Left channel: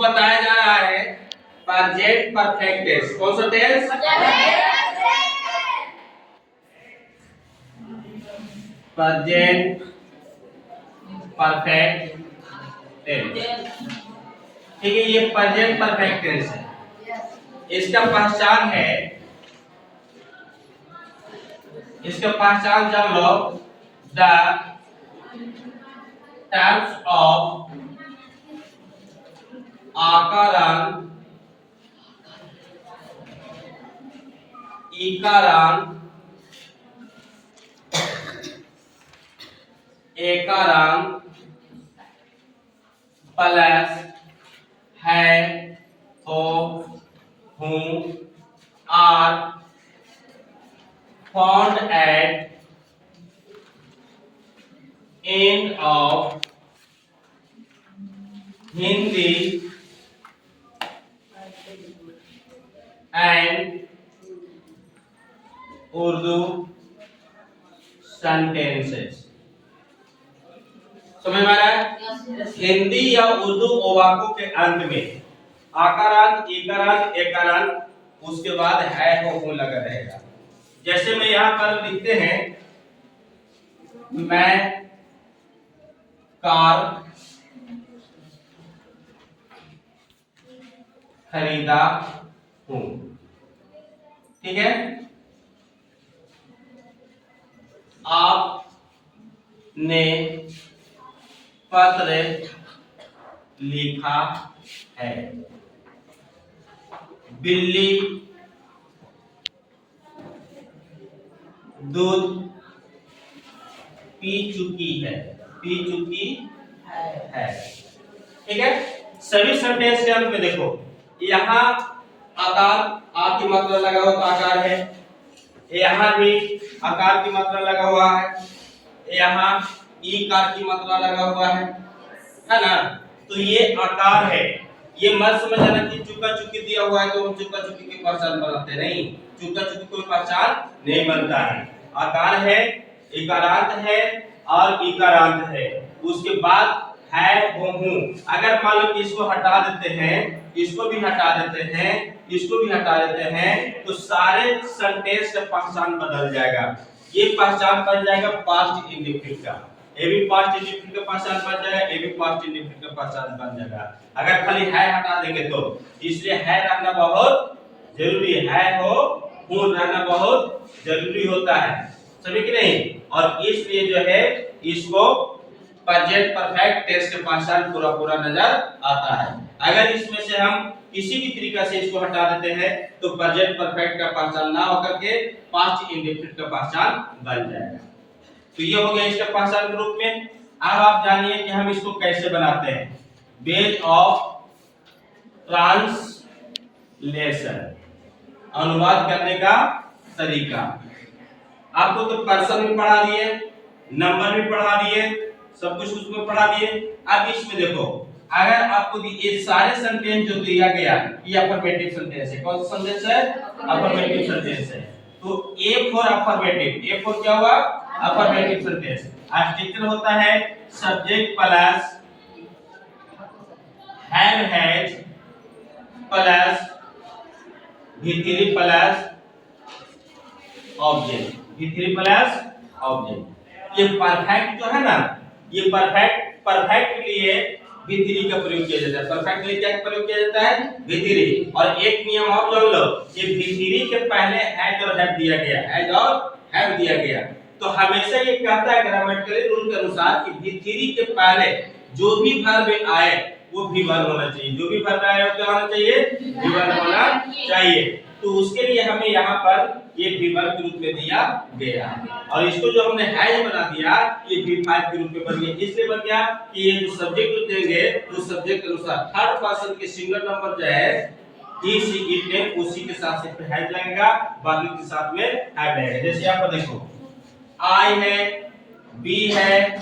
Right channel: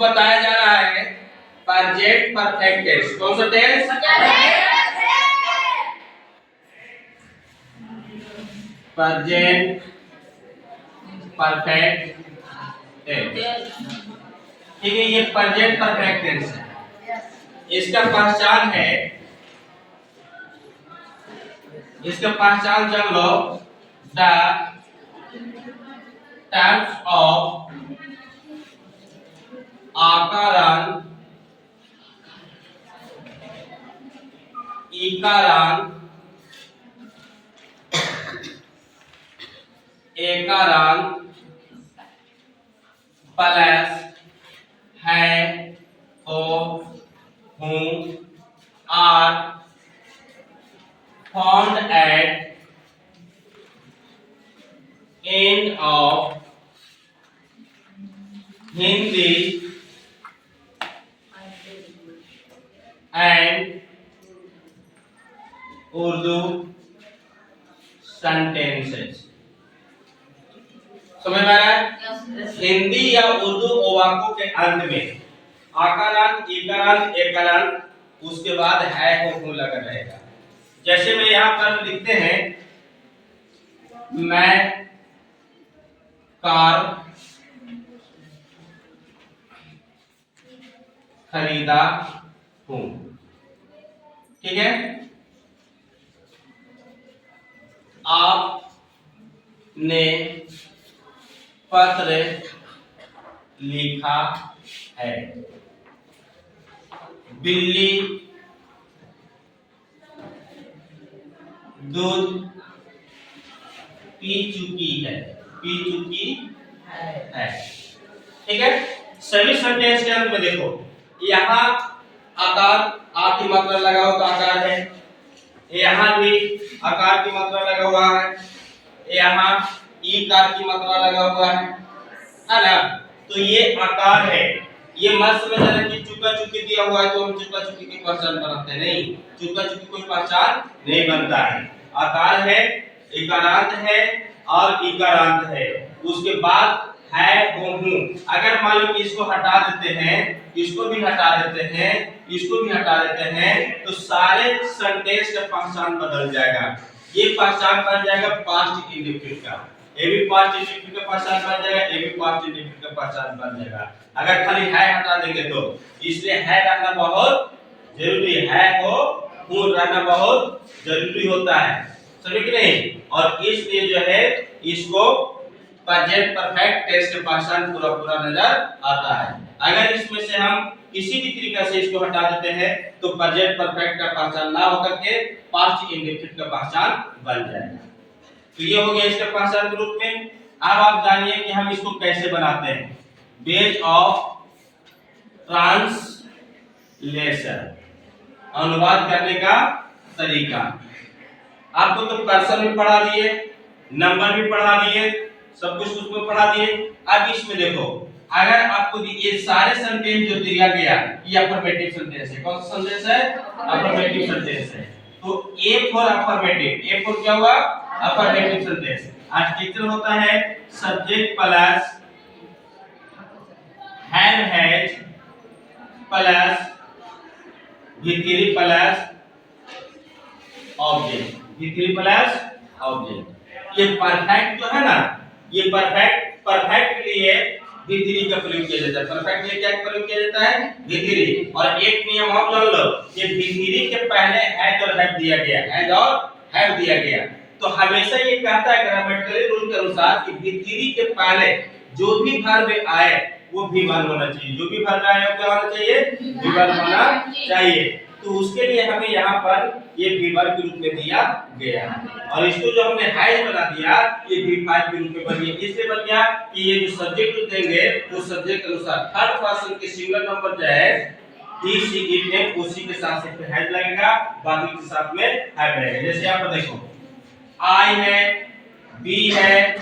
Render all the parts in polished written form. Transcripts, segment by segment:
बताया जा रहा है प्रेजेंट परफेक्ट टेंस। कौन सा टेंस? Present perfect tense. ठीक है, ये प्रेजेंट परफेक्ट टेंस है। इसका पहचान जान लो। द टाइप्स ऑफ आकारांत, इकारांत, एकारांत प्लस है, हो, हूं are found at end of Hindi and Urdu sentences। समझ में आ रहा है? हिंदी या उर्दू वाक्यों के अंत में आकारांत, इकारांत, एकारांत, उसके बाद है, हो, हूं लगा रहेगा। जैसे मैं यहाँ पर लिखते हैं, मैं कार खरीदा हूं। ठीक है, आपने पत्र लिखा है। बिल्ली दूध पी चुकी है। ठीक है, सभी सेंटेंस के अंत में देखो, यहाँ आकार, आ की मात्रा लगा हुआ तो आकार है, यहाँ भी आकार की मात्रा लगा हुआ है, यहाँ ई कार की मात्रा लगा हुआ है ना? तो ये आकार है। ये मत समझ आना कि चुका चुकी दिया हुआ है तो हम चुका चुकी की पहचान बनाते नहीं। चुका चुकी कोई पहचान नहीं बनता है। आकार है, इकारांत है और इकारांत है। उसके बाद है, हो, हूं। अगर मान लो कि इसको हटा देते हैं, इसको भी हटा देते हैं, इसको भी हटा देते हैं, तो सारे सेंटेंस का पहचान बदल जाएगा। ये पहचान बन जाएगा पास्ट इंडेफिनिट का। ये भी पास्ट इंडेफिनिट का पहचान बन जाएगा, ये भी पास्ट इंडेफिनिट का पहचान बन जाएगा अगर खाली है हटा देंगे तो। इसलिए है रहना बहुत जरूरी है, हो, हूं रहना बहुत जरूरी होता है। समझ कि नहीं? और इसलिए जो है इसको प्रेजेंट परफेक्ट टेंस के पहचान पूरा नजर आता है। अगर इसमें से हम किसी भी तरीका से इसको हटा देते हैं तो प्रेजेंट परफेक्ट का पहचान ना होकर के पास्ट इंडेफिनिट का पहचान बन जाएगा। तो ये हो गया इसका पहचान के रूप में। अब आप जानिए कि हम इसको कैसे बनाते हैं। बेस ऑफ ट्रांसलेशन, अनुवाद करने का तरीका। आपको तो पर्सन भी पढ़ा दिए, नंबर भी पढ़ा दिए, सब कुछ उसमें पढ़ा दिए। अब इसमें देखो, अगर आपको ये सारे सेंटेंस जो दिया गया, ये अफर्मेटिव सेंटेंस है। कौन सा सेंटेंस है? अफर्मेटिव सेंटेंस है। तो A for affirmative, A for क्या हुआ? Affirmative sentence. स्ट्रक्चर होता है subject plus have has plus V3 plus object, V3 plus object. ये परफेक्ट जो है ना, ये परफेक्ट के लिए V3 का प्रयोग किया जाता है। परफेक्ट के लिए क्या प्रयोग किया जाता है? V3। और एक नियम और जान लो, ये V3 के पहले हैज और हैव दिया गया, हैज और हैव दिया गया, तो हमेशा ये कहता है ग्रामेटिकली रूल के अनुसार कि V3 के पहले जो भी वर्ब आए वो V1 होना चाहिए। जो भी वर्ब आए वो क्या होना चाहिए? V1 होना चाहिए। तो उसके लिए हमें यहाँ पर ये V1 के रूप में दिया गया, और इसको जो हमने हैज बना दिया ये V5 के रूप में बन गया। इसलिए बन गया कि ये जो सब्जेक्ट देंगे वो सब्जेक्ट के अनुसार थर्ड पर्सन के सिंगल नंबर जो है ही, शी, इट ने उसी के साथ से हैज लगेगा, बाकी के साथ में हैव रहेगा। जैसे यहाँ पर देखो, आई है, बी है,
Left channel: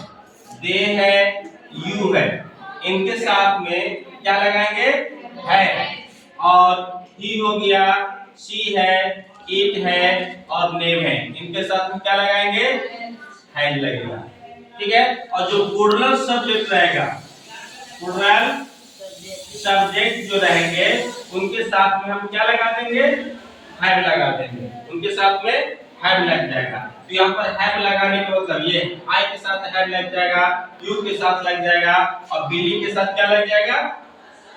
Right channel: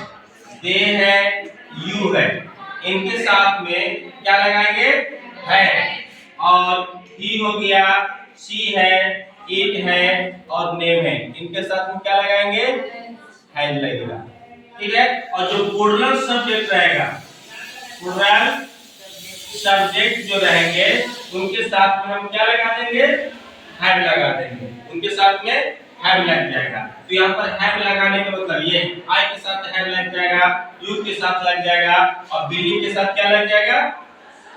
दे है, यू है, इनके साथ में क्या लगाएंगे? है। और ही हो गया, शी है, इट है और नेम है, इनके साथ में क्या लगाएंगे? हैज लगेगा। ठीक है, और जो प्लूरल सब्जेक्ट रहेगा, प्लूरल सब्जेक्ट जो रहेंगे उनके साथ में हम क्या लगा देंगे, हैव लगा देंगे, उनके साथ में हैव लग जाएगा। तो यहाँ पर हैव लगाने का मतलब ये आई के साथ हैव लग जाएगा, यू के साथ लग जाएगा और बिल्ली के साथ क्या लग जाएगा,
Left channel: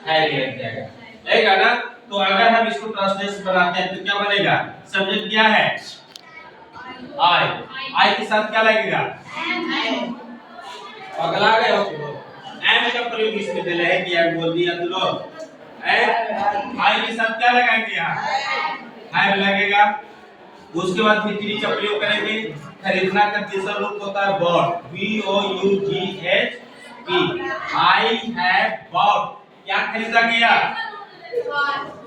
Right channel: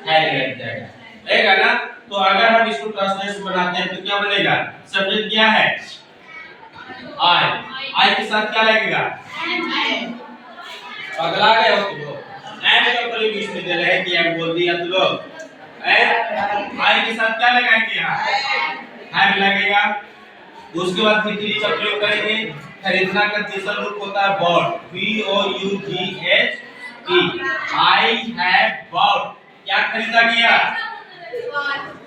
हैव लग जाएगा, लगेगा ना। तो अगर हम इसको ट्रांसलेशन बनाते हैं तो क्या बनेगा, सब्जेक्ट क्या है आई, आई के साथ क्या लगेगा, पगला गए हो तुम लोग, एंड का प्रयोग इसमें दे रहे हैं कि एंड बोल दिया तुम लोग, आई के साथ क्या लगाएंगे, यहाँ हैव लगेगा। उसके बाद भीतरी का प्रयोग करेंगे। खरीदना का तीसरा रूप होता है bought, BOUGHT, I have bought, क्या खरीदा गया,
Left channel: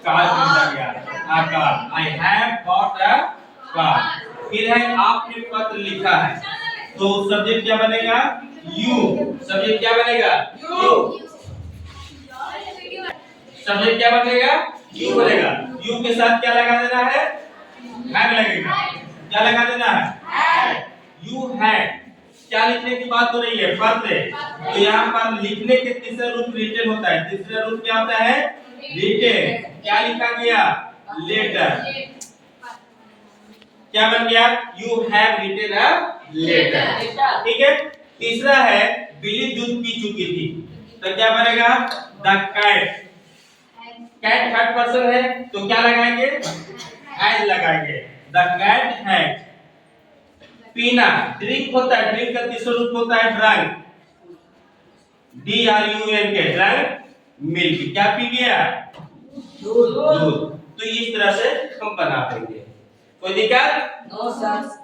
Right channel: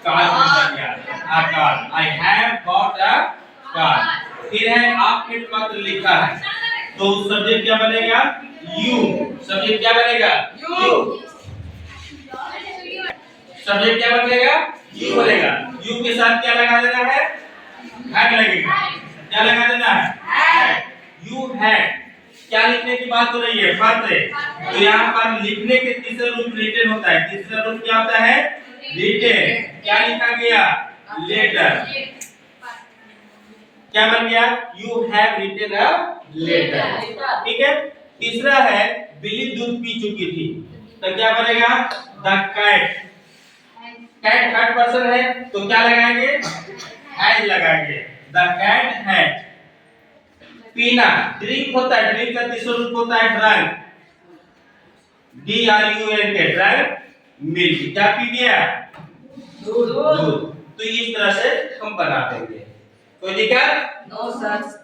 कार खरीदा गया, a car, I have bought a car. फिर है आपने पत्र लिखा है, तो सब्जेक्ट क्या बनेगा, यू, सब्जेक्ट क्या बनेगा, यू, सब्जेक्ट क्या बनेगा, यू बनेगा। यू के साथ क्या लगा देना है, हैव लगेगा, क्या लगा देना है, यू हैड। क्या लिखने की बात हो रही है, पत्र। तो यहाँ पर लिखने के तीसरा रूप रिटन होता है, तीसरा रूप क्या होता है, रिटन। क्या लिखा गया, लेटर, क्या बन गया, you have written a letter, ठीक है। तीसरा है बिल्ली दूध पी चुकी थी, तो क्या बनेगा, the cat, cat third person है तो क्या लगाएंगे, हैज लगाएंगे, द कैट हैज। पीना ड्रिंक होता है, ड्रिंक का तीसरा रूप होता है ड्रंक, DRUNK, ड्रंक मिल्क, क्या पी गया, दूध। तो इस तरह से हम बना देंगे, कोई दिक्कत, नो सर।